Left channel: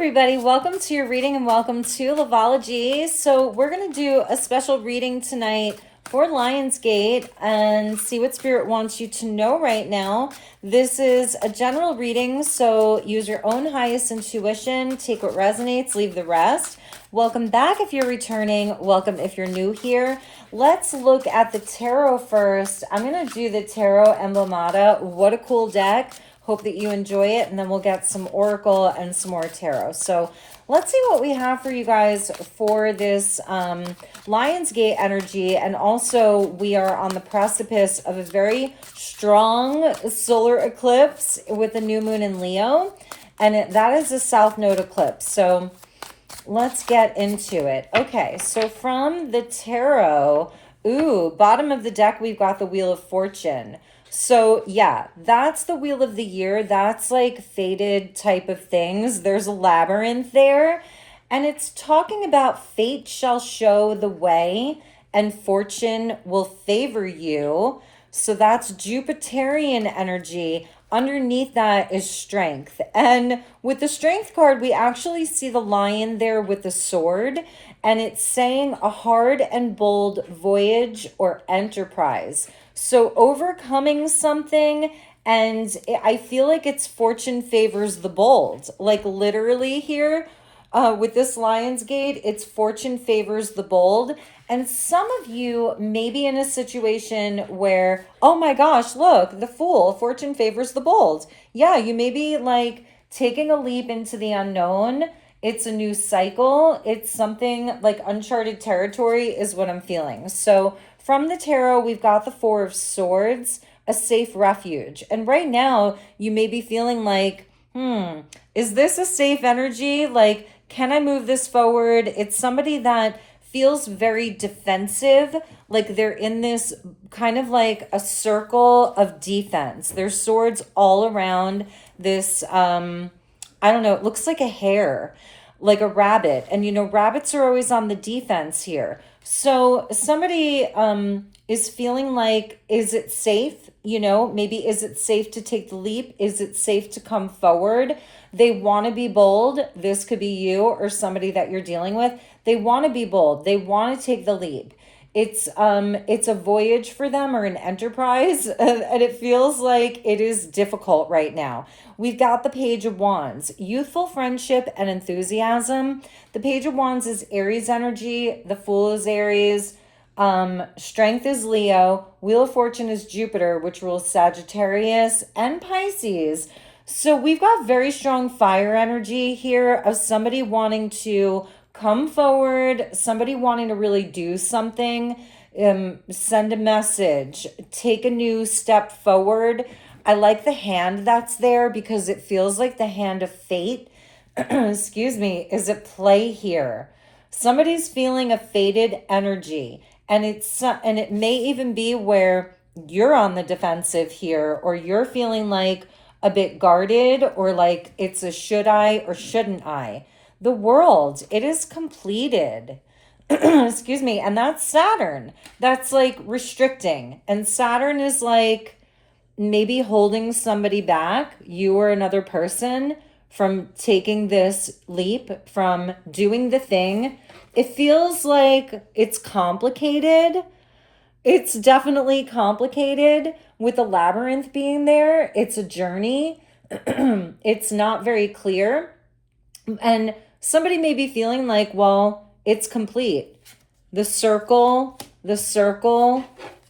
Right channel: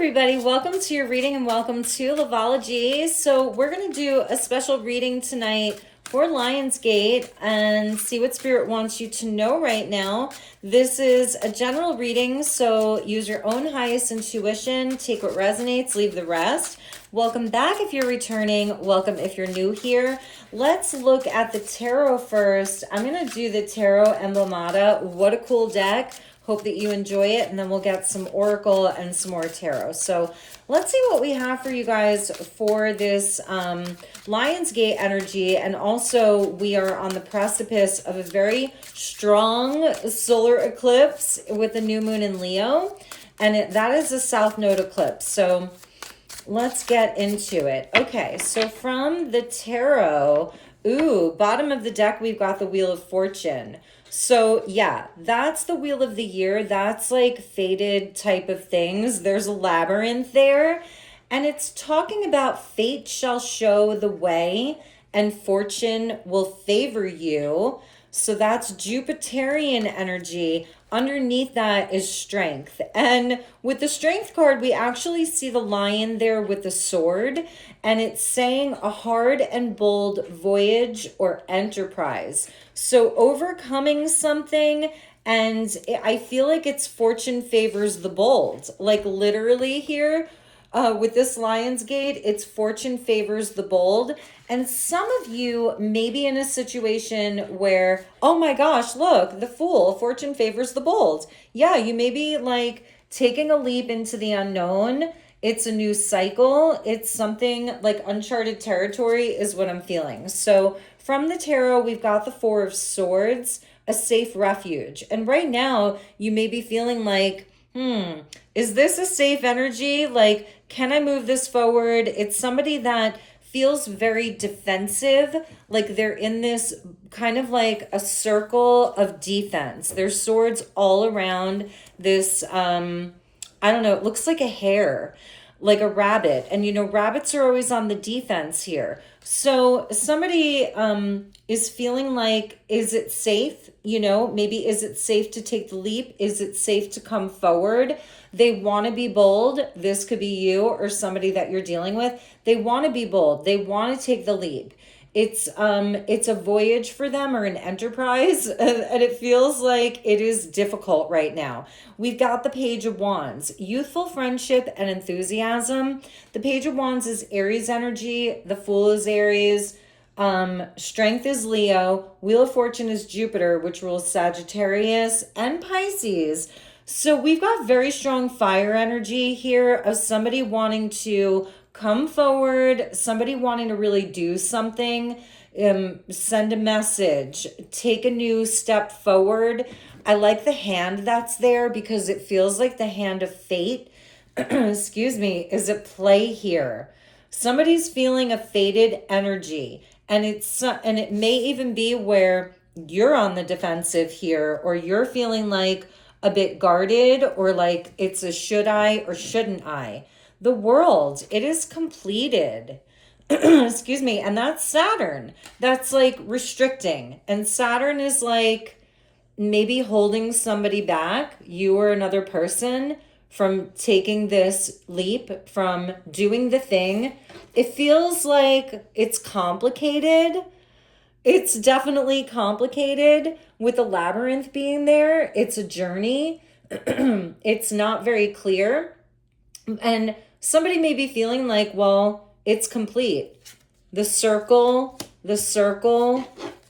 everybody, welcome to your reading and welcome to loveology. So we're going to do a special reading tonight for Lionsgate and see what Spirit wants you to know right now. This is a general reading, so use your own highest intuition, take what resonates, leave the rest. Welcome back if you're returning, welcome if you're new here. Let's look at the tarot first. I'm going to do the Tarot Emblemata. What a cool deck. Hope that you enjoy it, and then we'll get some Oracle and some more Tarot. So let's see what we have for you guys for this Lionsgate energy. And also, we are on the precipice of a very strong solar eclipse with the new moon in Leo. And that is a South Node eclipse. So let's get into it. Okay, so from the Tarot, bottom of the deck, we've got the Wheel of Fortune. So yeah, that's the Wheel of the Year. That's like fated type of things. There's a labyrinth there. And it's talking about fate shall show the way and fortune will favor you. So that's Jupiterian energy. Underneath that is strength. And with the strength card, we actually see the lion there with the sword. And it's saying a hard and bold voyage or enterprise. So overcoming something, and I feel like it's fortune favors the bold. Like literally here with this Lionsgate, it's fortune favors the bold. And some of you may be in a situation where, oh my gosh, look, the Fool, fortune favors the bold. Yeah, you may be like taking a leap into the unknown. It's a new cycle. It's something like uncharted territory is what I'm feeling. So from the tarot, we've got the Four of Swords, a safe refuge. And right now, you may be feeling like, is this a safe energy? Like, can I move this forward? It's somebody that feels very defensive, like they're in this kind of like a circle of defense. There's swords all around this, I don't know, it looks like a hare, like a rabbit. And you know, rabbits are always on the defense here. So somebody is feeling like, is it safe? You know, maybe is it safe to take the leap? Is it safe to come forward? They want to be bold. This could be you or somebody that you're dealing with. They want to be bold. They want to take the leap. It's a voyage for them or an enterprise, and it feels like it is difficult right now. We've got the Page of Wands, youthful friendship and enthusiasm. The Page of Wands is Aries energy. The Fool is Aries. Strength is Leo. Wheel of Fortune is Jupiter, which rules Sagittarius and Pisces. So we've got very strong fire energy here of somebody wanting to come forward, somebody wanting to really do something, send a message, take a new step forward. I like the hand that's there because it feels like the hand of fate, excuse me, is at play here. Somebody's feeling a fated energy, and it may even be where you're on the defensive here, or you're feeling like a bit guarded, or like it's a should I or shouldn't I. The World, it is completed. Excuse me. And that's Saturn. That's like restricting. And Saturn is like maybe holding somebody back, you or another person, from taking this leap, from doing the thing. It feels like it's complicated. It's definitely complicated with the labyrinth being there. It's a journey. It's not very clear. And somebody may be feeling like, well, it's complete. The circle, the circle,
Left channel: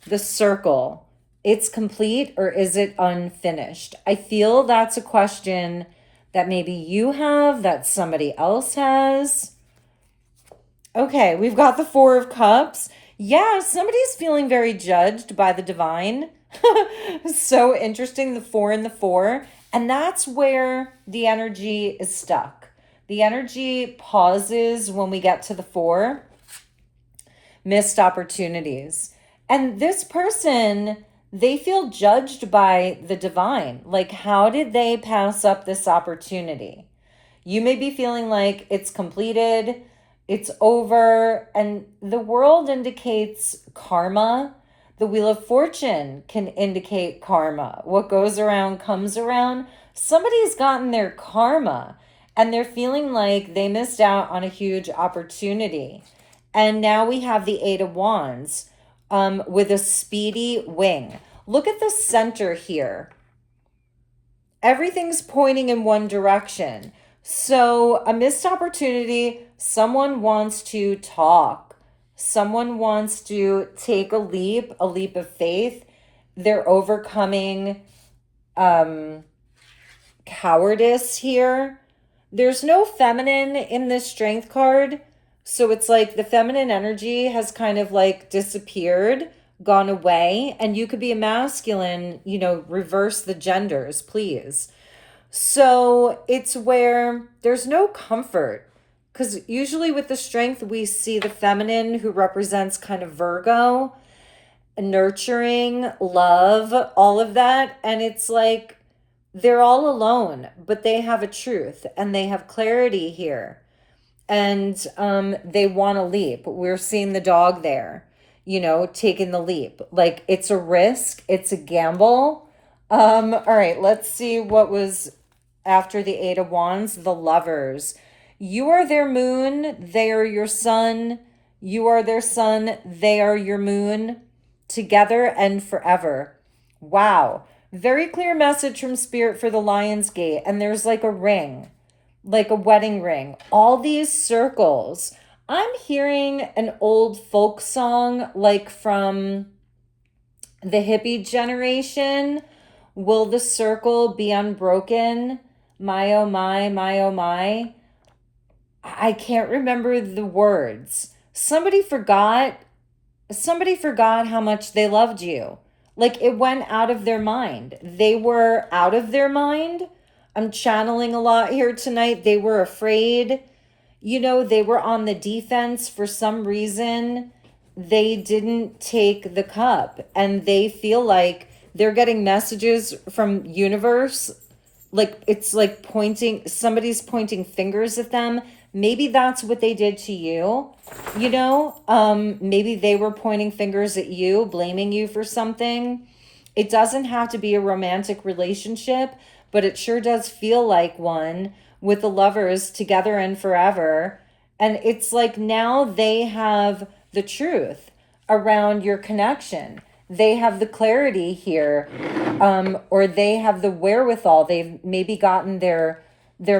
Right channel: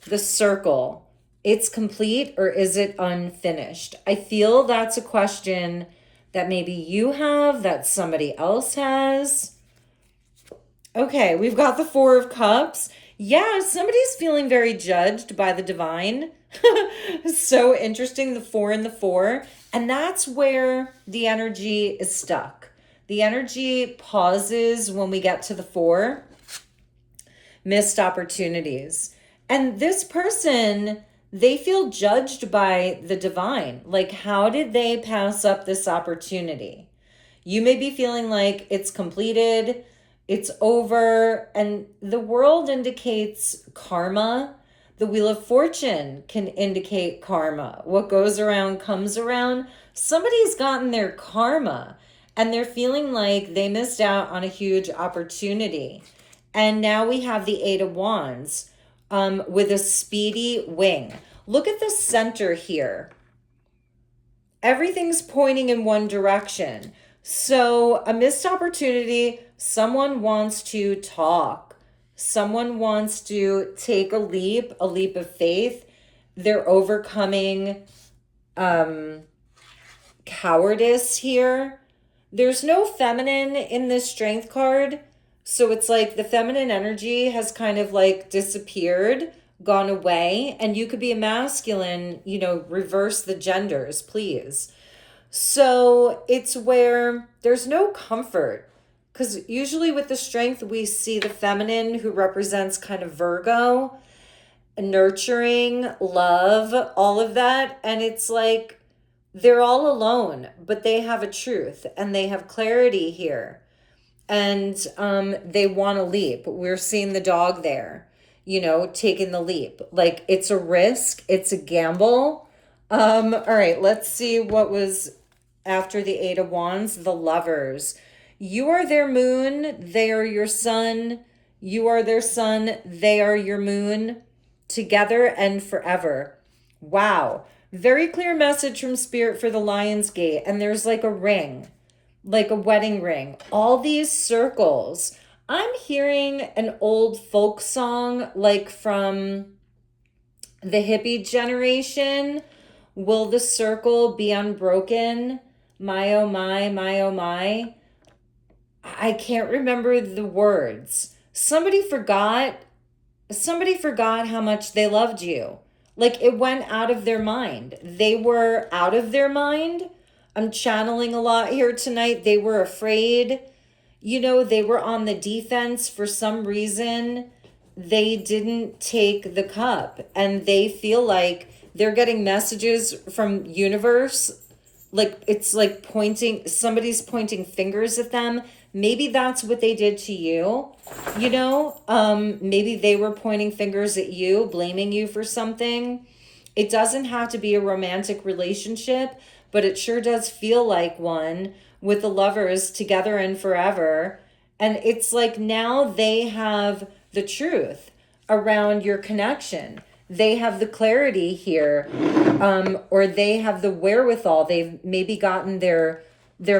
the circle. It's complete, or is it unfinished? I feel that's a question that maybe you have, that somebody else has. Okay, we've got the Four of Cups. Yeah, somebody's feeling very judged by the divine. So interesting, the Four and the Four. And that's where the energy is stuck. The energy pauses when we get to the Four. Missed opportunities. And this person, they feel judged by the divine. Like, how did they pass up this opportunity? You may be feeling like it's completed, it's over, and the World indicates karma. The Wheel of Fortune can indicate karma. What goes around comes around. Somebody's gotten their karma. and they're feeling like they missed out on a huge opportunity. And now we have the Eight of Wands with a speedy wing. Look at the center here. Everything's pointing in one direction. So a missed opportunity, someone wants to talk. Someone wants to take a leap of faith. They're overcoming cowardice here. There's no feminine in this strength card. So it's like the feminine energy has kind of like disappeared, gone away, and you could be a masculine, you know, reverse the genders, please. So it's where there's no comfort, because usually with the strength, we see the feminine who represents kind of Virgo, nurturing, love, all of that. And it's like they're all alone, but they have a truth and they have clarity here. And they want to leap. We're seeing the dog there, you know, taking the leap. Like it's a risk, it's a gamble. All right, let's see what was after the Eight of Wands, the Lovers. You are their moon, they are your sun. You are their sun, they are your moon. Together and forever. Wow. Very clear message from Spirit for the Lion's Gate. And there's like a ring, like a wedding ring. All these circles. I'm hearing an old folk song like from the hippie generation. Will the circle be unbroken? My, oh my, my, oh my. I can't remember the words. Somebody forgot how much they loved you. Like it went out of their mind. They were out of their mind. I'm channeling a lot here tonight. They were afraid. You know, they were on the defense for some reason. They didn't take the cup, and they feel like they're getting messages from universe. Like it's like somebody's pointing fingers at them. Maybe that's what they did to you, you know? Maybe they were pointing fingers at you, blaming you for something. It doesn't have to be a romantic relationship, but it sure does feel like one with the Lovers together and forever. And it's like now they have the truth around your connection. They have the clarity here, or they have the wherewithal. They've maybe gotten their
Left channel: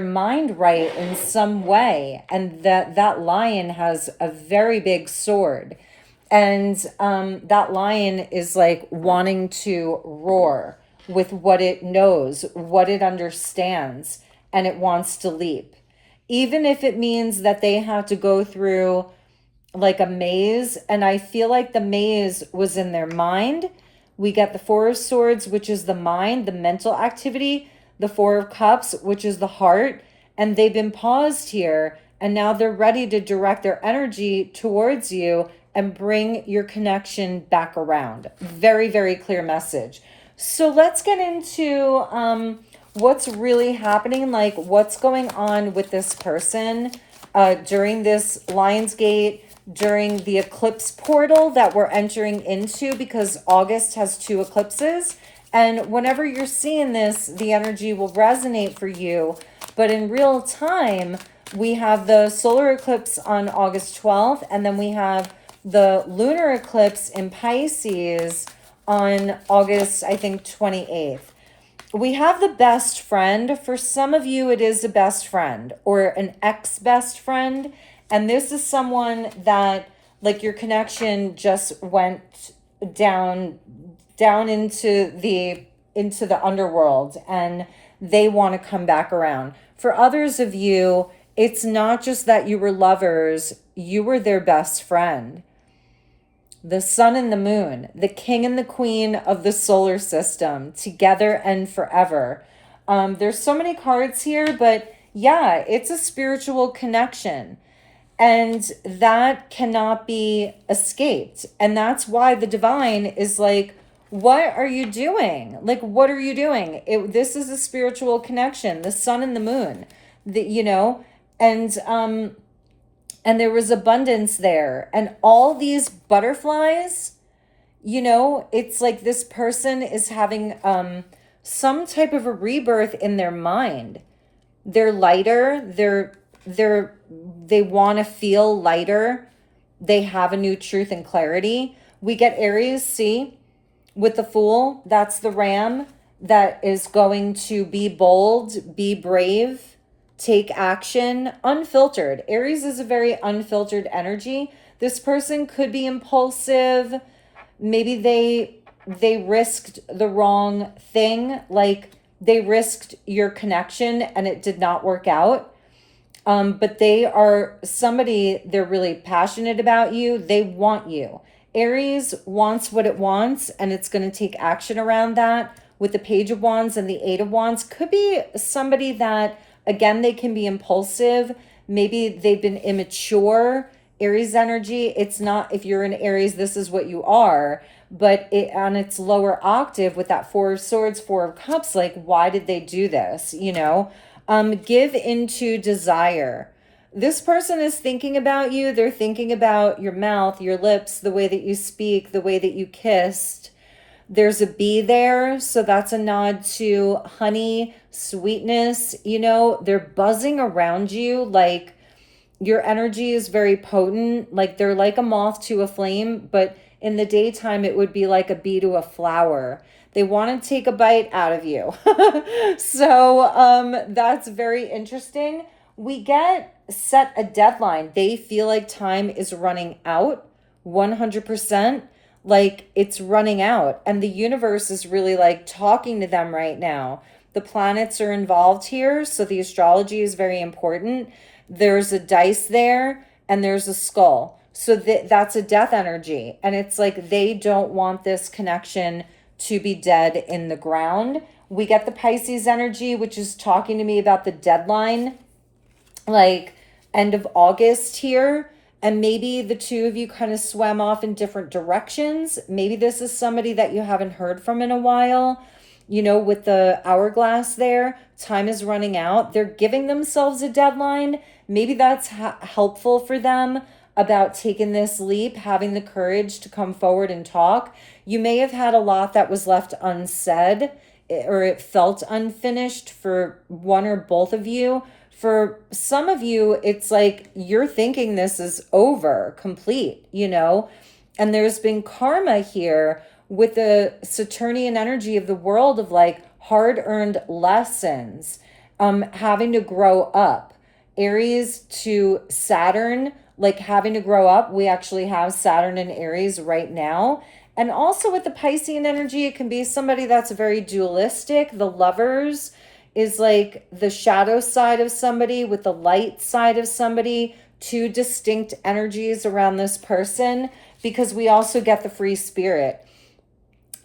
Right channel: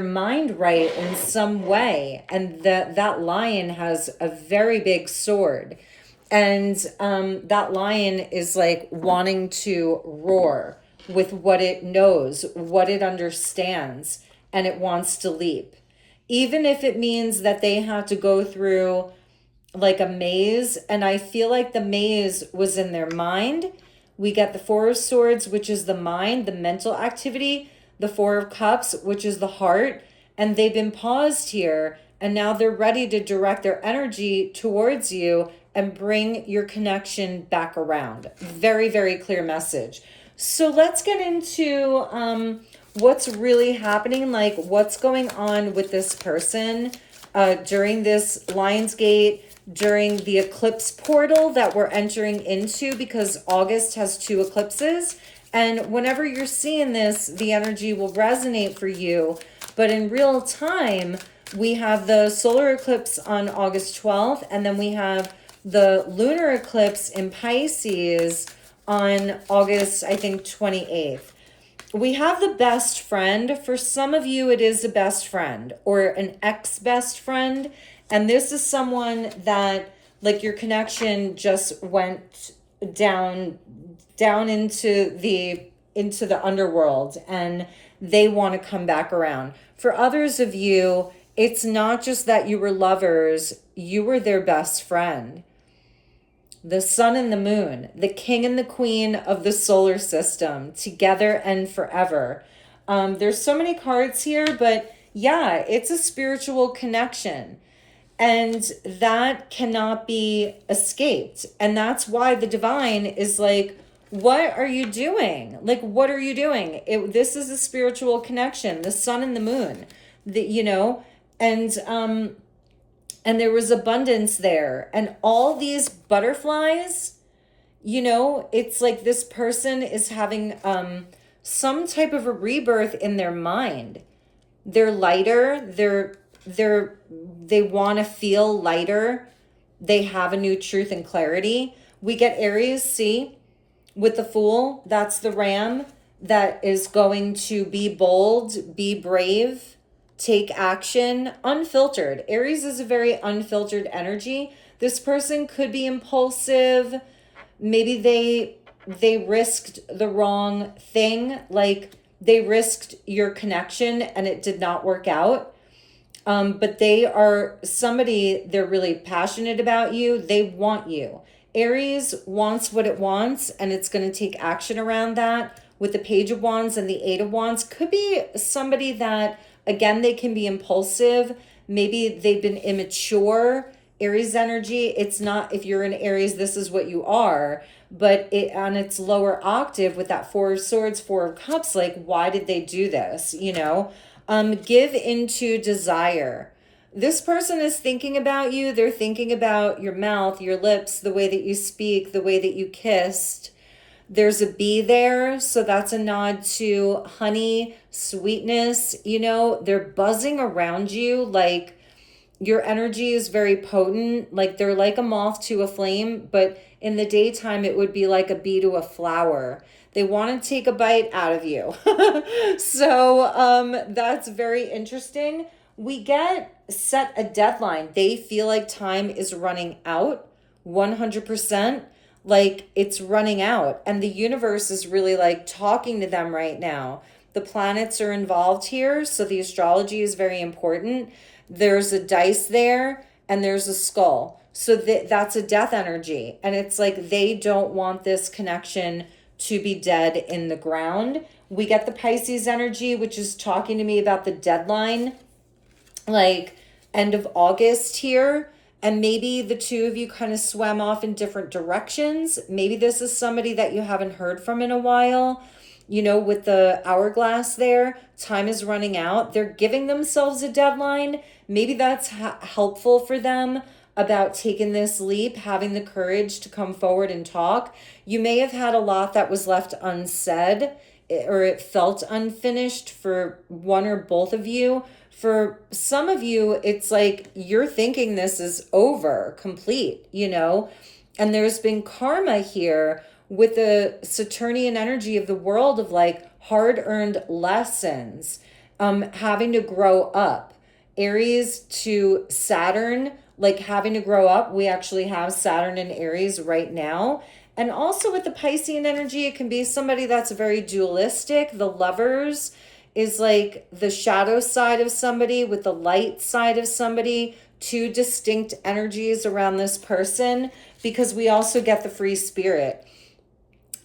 mind right in some way, and that lion has a very big sword, and that lion is like wanting to roar with what it knows, what it understands, and it wants to leap, even if it means that they have to go through like a maze. And I feel like the maze was in their mind. We get the Four of Swords, which is the mind, the mental activity, the Four of Cups, which is the heart, and they've been paused here, and now they're ready to direct their energy towards you and bring your connection back around. Very, very clear message. So let's get into what's really happening, like what's going on with this person during this Lionsgate, during the eclipse portal that we're entering into, because August has 2 eclipses. And whenever you're seeing this, the energy will resonate for you. But in real time, we have the solar eclipse on August 12th, and then we have the lunar eclipse in Pisces on August, I think, 28th. We have the best friend. For some of you, it is a best friend or an ex-best friend. And this is someone that, like, your connection just went down into the underworld, and they want to come back around. For others of you, it's not just that you were lovers, you were their best friend. The sun and the moon, the king and the queen of the solar system, together and forever. There's so many cards here, but yeah, it's a spiritual connection. And that cannot be escaped. And that's why the divine is like, what are you doing? Like, what are you doing? This is a spiritual connection, the sun and the moon, you know, and there was abundance there. And all these butterflies, you know, it's like this person is having some type of a rebirth in their mind. They're lighter. They want to feel lighter. They have a new truth and clarity. We get Aries, see, with the Fool. That's the ram that is going to be bold, be brave, take action, unfiltered. Aries is a very unfiltered energy. This person could be impulsive. Maybe they risked the wrong thing, like they risked your connection and it did not work out. But they are somebody, they're really passionate about you. They want you. Aries wants what it wants, and it's going to take action around that. With the Page of Wands and the Eight of Wands, could be somebody that, again, they can be impulsive. Maybe they've been immature. Aries energy, it's not, if you're an Aries, this is what you are. But it, on its lower octave with that Four of Swords, Four of Cups, like, why did they do this? You know, give into desire. This person is thinking about you. They're thinking about your mouth, your lips, the way that you speak, the way that you kissed. There's a bee there, so that's a nod to honey, sweetness. You know, they're buzzing around you, like your energy is very potent. Like they're like a moth to a flame, but in the daytime, it would be like a bee to a flower. They want to take a bite out of you. So that's very interesting. We get set a deadline. They feel like time is running out 100%. Like it's running out. And the universe is really like talking to them right now. The planets are involved here. So the astrology is very important. There's a dice there and there's a skull. So that's a death energy. And it's like they don't want this connection to be dead in the ground. We get the Pisces energy, which is talking to me about the deadline, like end of August here. And maybe the two of you kind of swam off in different directions. Maybe this is somebody that you haven't heard from in a while. You know, with the hourglass there, time is running out. They're giving themselves a deadline. Maybe that's helpful for them about taking this leap, having the courage to come forward and talk. You may have had a lot that was left unsaid, or it felt unfinished for one or both of you. For some of you, it's like you're thinking this is over, complete, you know, and there's been karma here with the Saturnian energy of the world of like hard-earned lessons, having to grow up. Aries to Saturn, like having to grow up. We actually have Saturn in Aries right now. And also with the Piscean energy, it can be somebody that's very dualistic. The Lovers is like the shadow side of somebody with the light side of somebody. Two distinct energies around this person, because we also get the Free Spirit.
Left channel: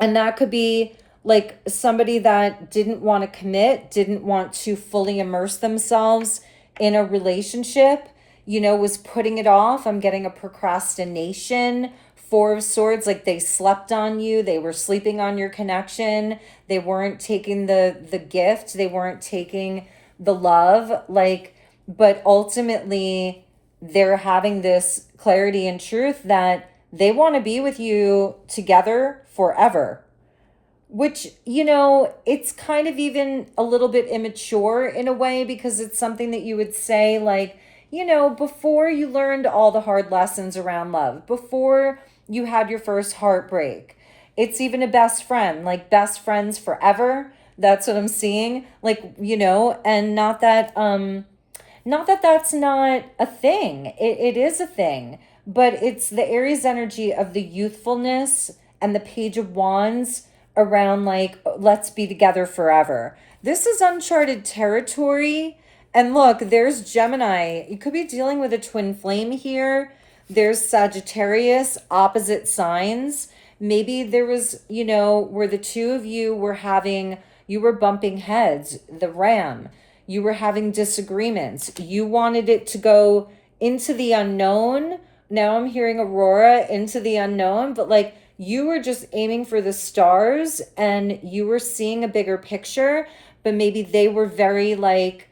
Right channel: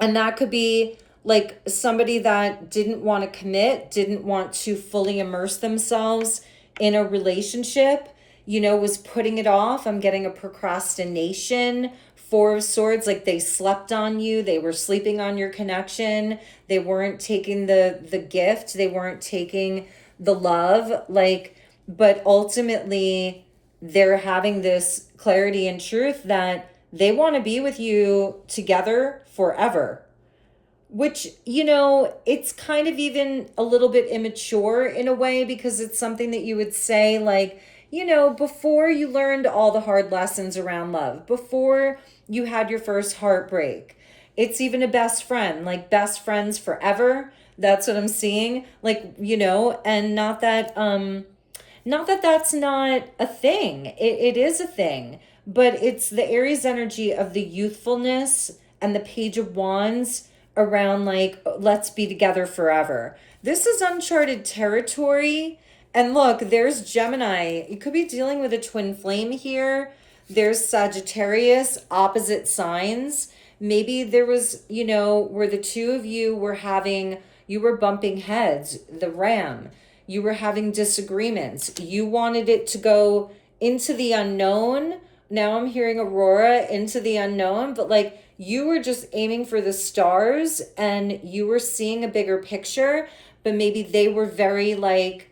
And that could be like somebody that didn't want to commit, didn't want to fully immerse themselves in a relationship, you know, was putting it off. I'm getting a procrastination. Four of Swords, like they slept on you. They were sleeping on your connection. They weren't taking the gift. They weren't taking the love. Like, but ultimately they're having this clarity and truth that they want to be with you together forever. Which, you know, it's kind of even a little bit immature in a way, because it's something that you would say like, you know, before you learned all the hard lessons around love, before you had your first heartbreak. It's even a best friend, like best friends forever. That's what I'm seeing. Like, you know, and not that that's not a thing. It is a thing, but it's the Aries energy of the youthfulness and the Page of Wands around like, let's be together forever. This is uncharted territory. And look, there's Gemini. You could be dealing with a twin flame here. There's Sagittarius, opposite signs. Maybe there was, you know, where the two of you were bumping heads, the ram. You were having disagreements. You wanted it to go into the unknown. Now I'm hearing Aurora, into the unknown, but like, you were just aiming for the stars and you were seeing a bigger picture, but maybe they were very like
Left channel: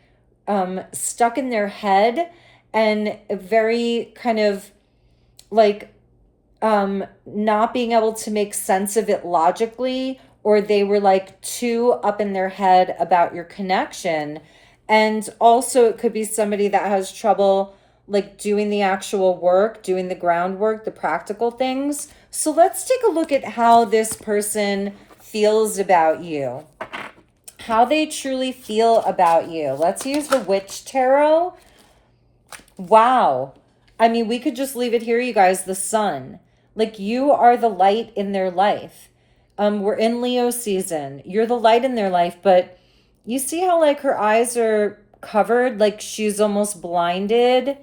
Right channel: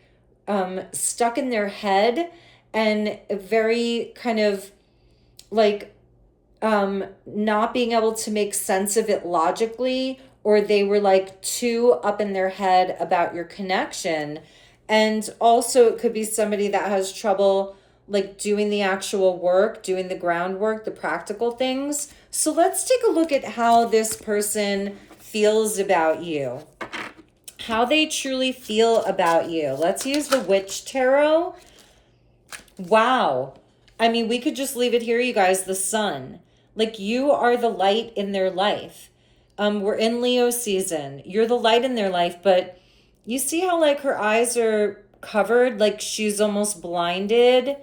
stuck in their head and very kind of like not being able to make sense of it logically, or they were like too up in their head about your connection. And also it could be somebody that has trouble like doing the actual work, doing the groundwork, the practical things. So let's take a look at how this person feels about you, how they truly feel about you. Let's use the Witch Tarot. Wow. I mean, we could just leave it here, you guys. The Sun. Like, you are the light in their life. We're in Leo season. You're the light in their life, but you see how like her eyes are covered, like she's almost blinded.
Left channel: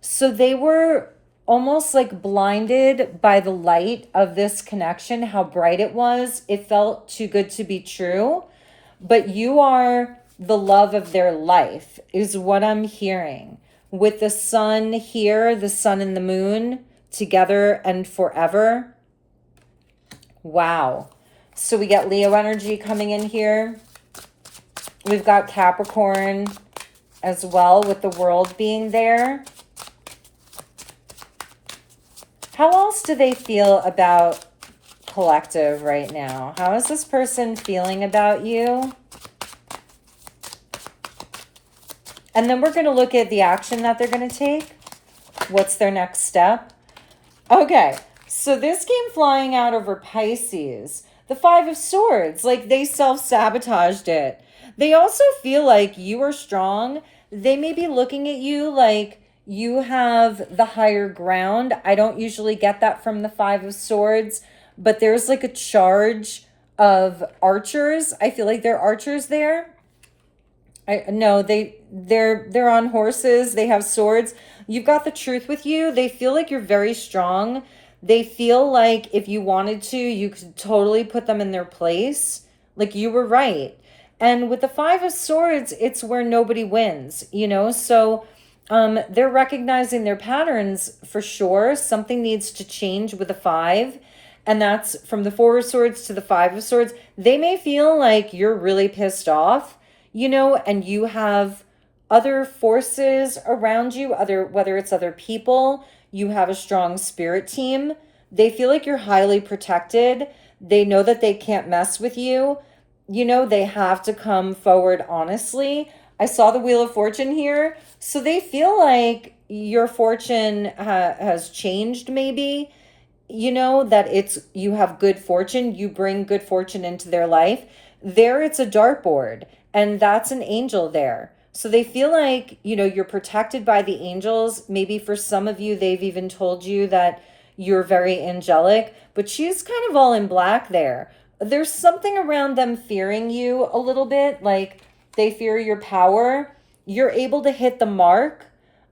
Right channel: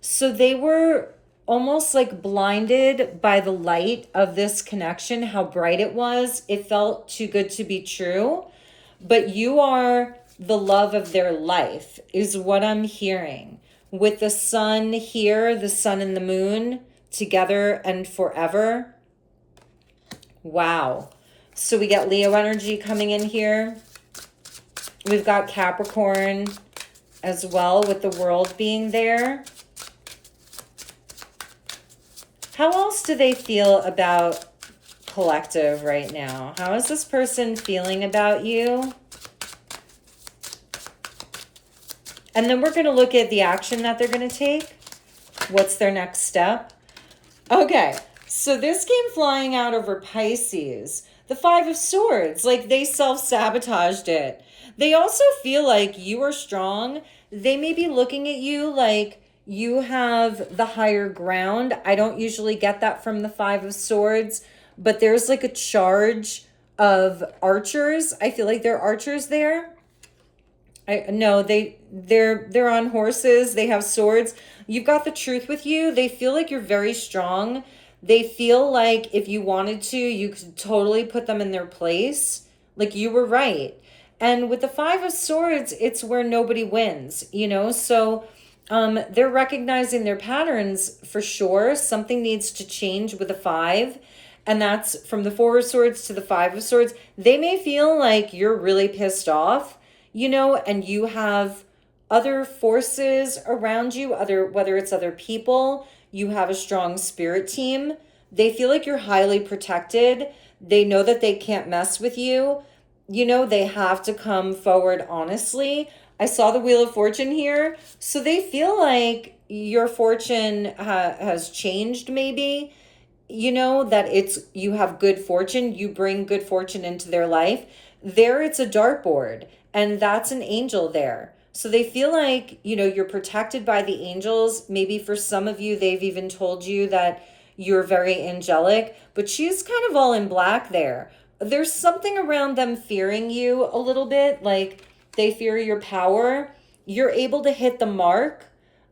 So they were almost like blinded by the light of this connection, how bright it was. It felt too good to be true. But you are the love of their life, is what I'm hearing. With the sun here, the sun and the moon together and forever. Wow. So we got Leo energy coming in here. We've got Capricorn as well, with the world being there. How else do they feel about collective right now? How is this person feeling about you? And then we're going to look at the action that they're going to take. What's their next step? Okay, so this came flying out over Pisces. The Five of Swords, like they self-sabotaged it. They also feel like you are strong. They may be looking at you like you have the higher ground. I don't usually get that from the Five of Swords, but there's like a charge of archers. I feel like they're archers there. They're on horses. They have swords. You've got the truth with you. They feel like you're very strong. They feel like if you wanted to, you could totally put them in their place. Like you were right. And with the Five of Swords, it's where nobody wins, you know? So they're recognizing their patterns for sure. Something needs to change with the five. And that's from the Four of Swords to the Five of Swords. They may feel like you're really pissed off, you know, and you have other forces around you, whether it's other people, you have a strong spirit team. They feel like you're highly protected. They know that they can't mess with you. You know, they have to come forward honestly. I saw the Wheel of Fortune here. So they feel like your fortune has changed maybe. You know, that you have good fortune. You bring good fortune into their life. There it's a dartboard. And that's an angel there. So they feel like, you know, you're protected by the angels. Maybe for some of you, they've even told you that you're very angelic. But she's kind of all in black there. There's something around them fearing you a little bit. Like they fear your power. You're able to hit the mark.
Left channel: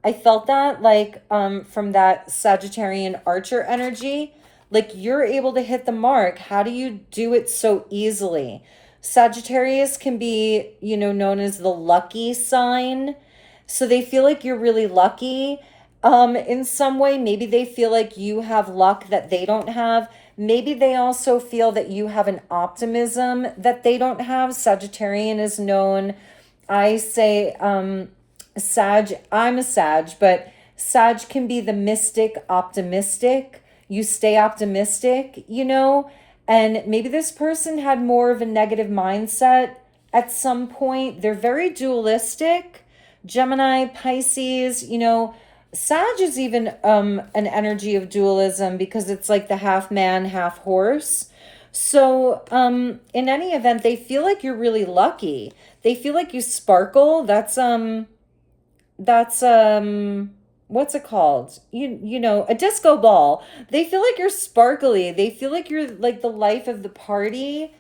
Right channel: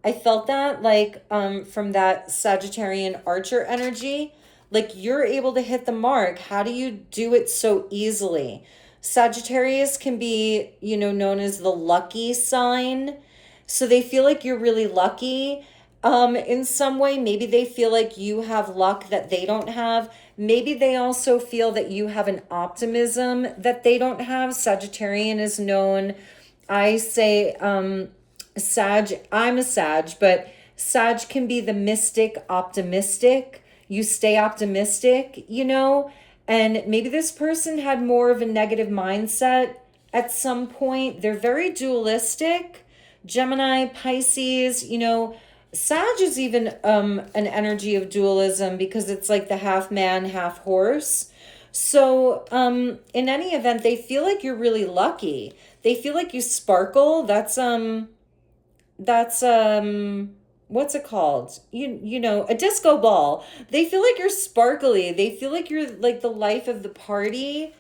I felt that like from that Sagittarian Archer energy. Like you're able to hit the mark. How do you do it so easily? Sagittarius can be, you know, known as the lucky sign. So they feel like you're really lucky in some way. Maybe they feel like you have luck that they don't have. Maybe they also feel that you have an optimism that they don't have. Sagittarian is known, I say, Sag, I'm a Sag, but Sag can be the mystic, optimistic. You stay optimistic, you know. And maybe this person had more of a negative mindset at some point. They're very dualistic. Gemini, Pisces, you know, Sag is even an energy of dualism because it's like the half man, half horse. So in any event, they feel like you're really lucky. They feel like you sparkle. That's what's it called? You know, a disco ball. They feel like you're sparkly. They feel like you're like the life of the party.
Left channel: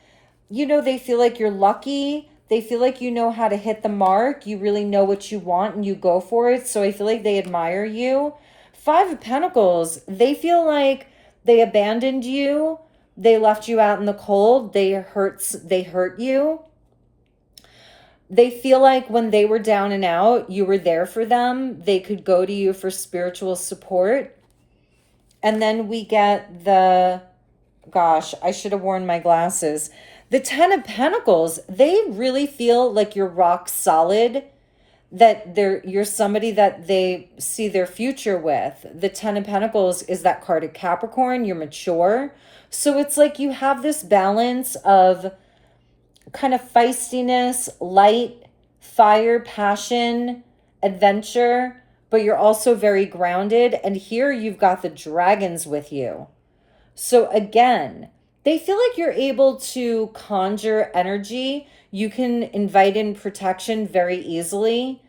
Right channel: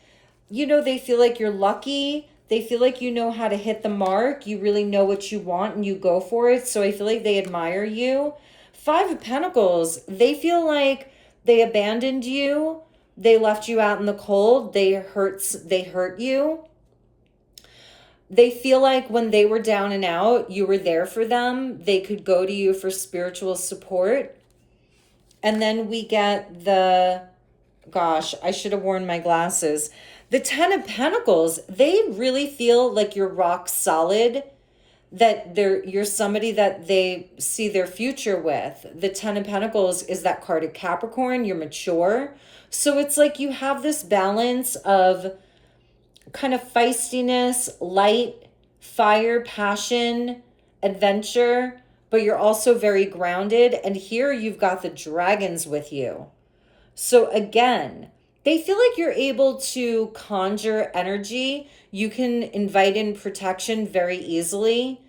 You know, they feel like you're lucky. They feel like you know how to hit the mark. You really know what you want and you go for it. So I feel like they admire you. Five of Pentacles. They feel like they abandoned you. They left you out in the cold. They hurt you. They feel like when they were down and out, you were there for them. They could go to you for spiritual support. And then we get the, gosh, I should have worn my glasses. The Ten of Pentacles, they really feel like you're rock solid, that you're somebody that they see their future with. The Ten of Pentacles is that card of Capricorn. You're mature. So it's like you have this balance of kind of feistiness, light, fire, passion, adventure, but you're also very grounded. And here you've got the dragons with you. So again, they feel like you're able to conjure energy. You can invite in protection very easily.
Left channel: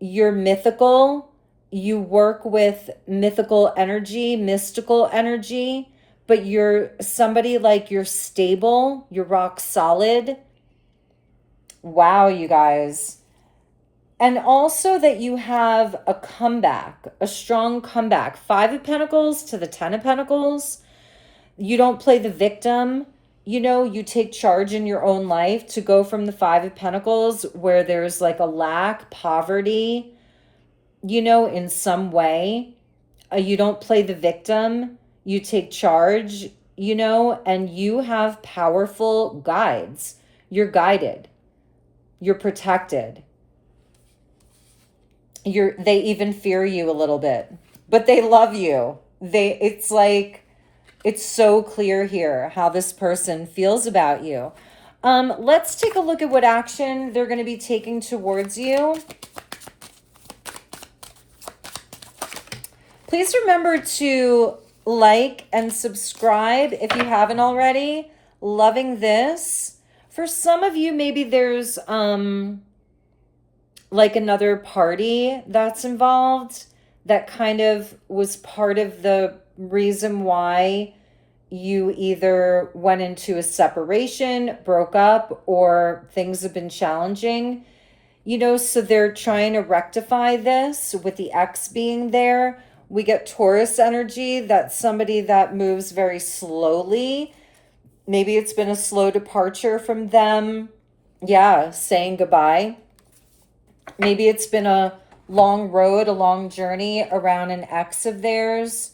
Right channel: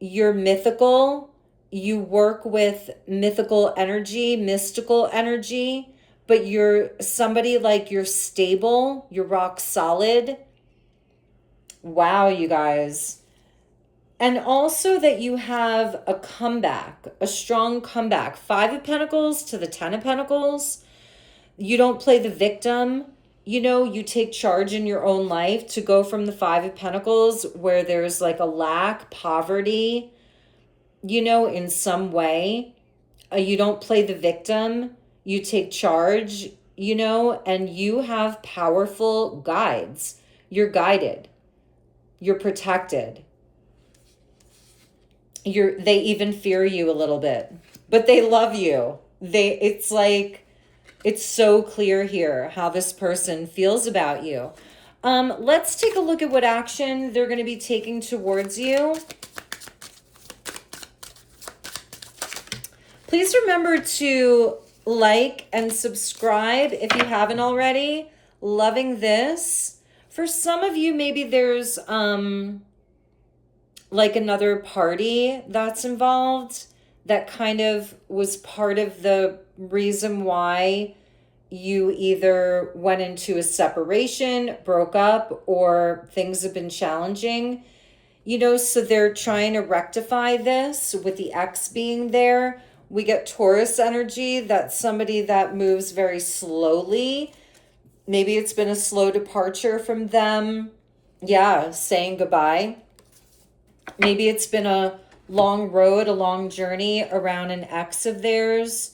You're mythical. You work with mythical energy, mystical energy, but you're somebody like you're stable, you're rock solid. Wow, you guys. And also that you have a comeback, a strong comeback. 5 of Pentacles to the 10 of Pentacles. You don't play the victim. You know, you take charge in your own life to go from the 5 of Pentacles where there's like a lack, poverty, you know, in some way. You don't play the victim. You take charge, you know, and you have powerful guides. You're guided. You're protected. They even fear you a little bit, but they love you. It's like, it's so clear here how this person feels about you. Let's take a look at what action they're going to be taking towards you. Please remember to like and subscribe if you haven't already. Loving this. For some of you, maybe there's like another party that's involved that kind of was part of the reason why you either went into a separation, broke up, or things have been challenging. You know, so they're trying to rectify this with the ex being there. We get Taurus energy. That's somebody that moves very slowly. Maybe it's been a slow departure from them. Yeah, saying goodbye. Maybe it's been a long road, a long journey around an ex of theirs.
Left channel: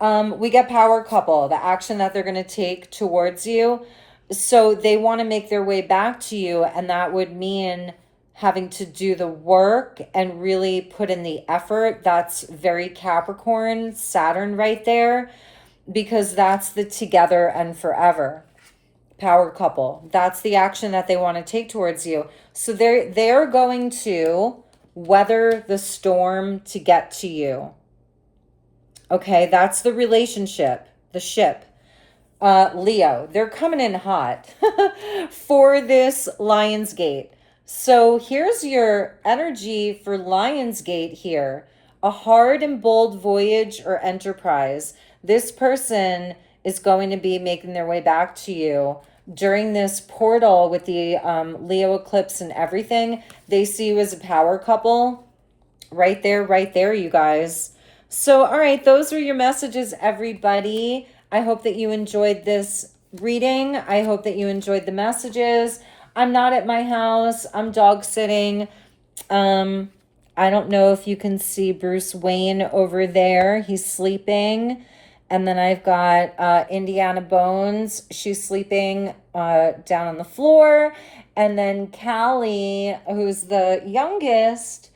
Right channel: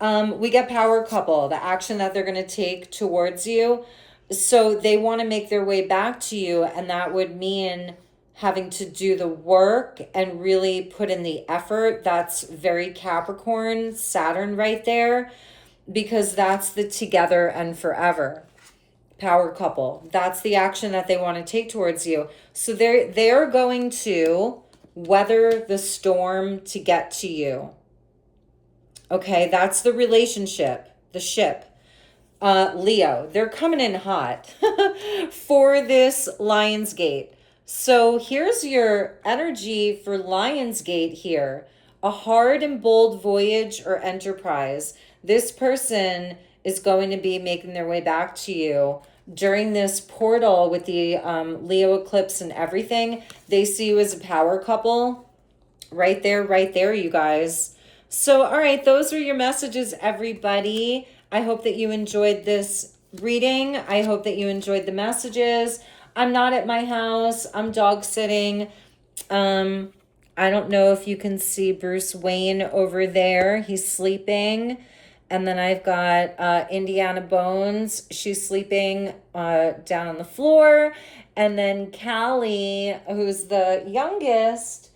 We get power couple, the action that they're going to take towards you. So they want to make their way back to you, and that would mean having to do the work and really put in the effort. That's very Capricorn, Saturn right there, because that's the together and forever. Power couple. That's the action that they want to take towards you. So they're going to weather the storm to get to you. Okay, that's the relationship, the ship. Leo, they're coming in hot for this Lionsgate. So here's your energy for Lionsgate here. A hard and bold voyage or enterprise. This person is going to be making their way back to you during this portal with the Leo eclipse and everything. They see you as a power couple. Right there, you guys. So, all right, those were your messages, everybody. I hope that you enjoyed this reading. I hope that you enjoyed the messages. I'm not at my house. I'm dog sitting. I don't know if you can see Bruce Wayne over there. He's sleeping. And then I've got Indiana Bones. She's sleeping down on the floor. And then Callie, who's the youngest,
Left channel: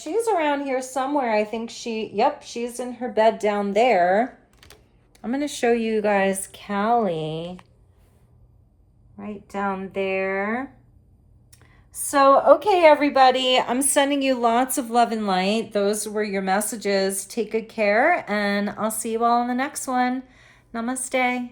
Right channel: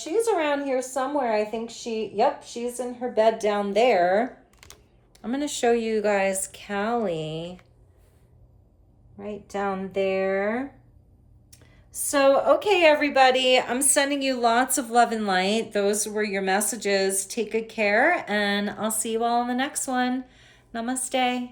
she's around here somewhere. I think she's in her bed down there. I'm going to show you guys Callie right down there. So, okay, everybody, I'm sending you lots of love and light. Those were your messages. Take good care, and I'll see you all in the next one. Namaste.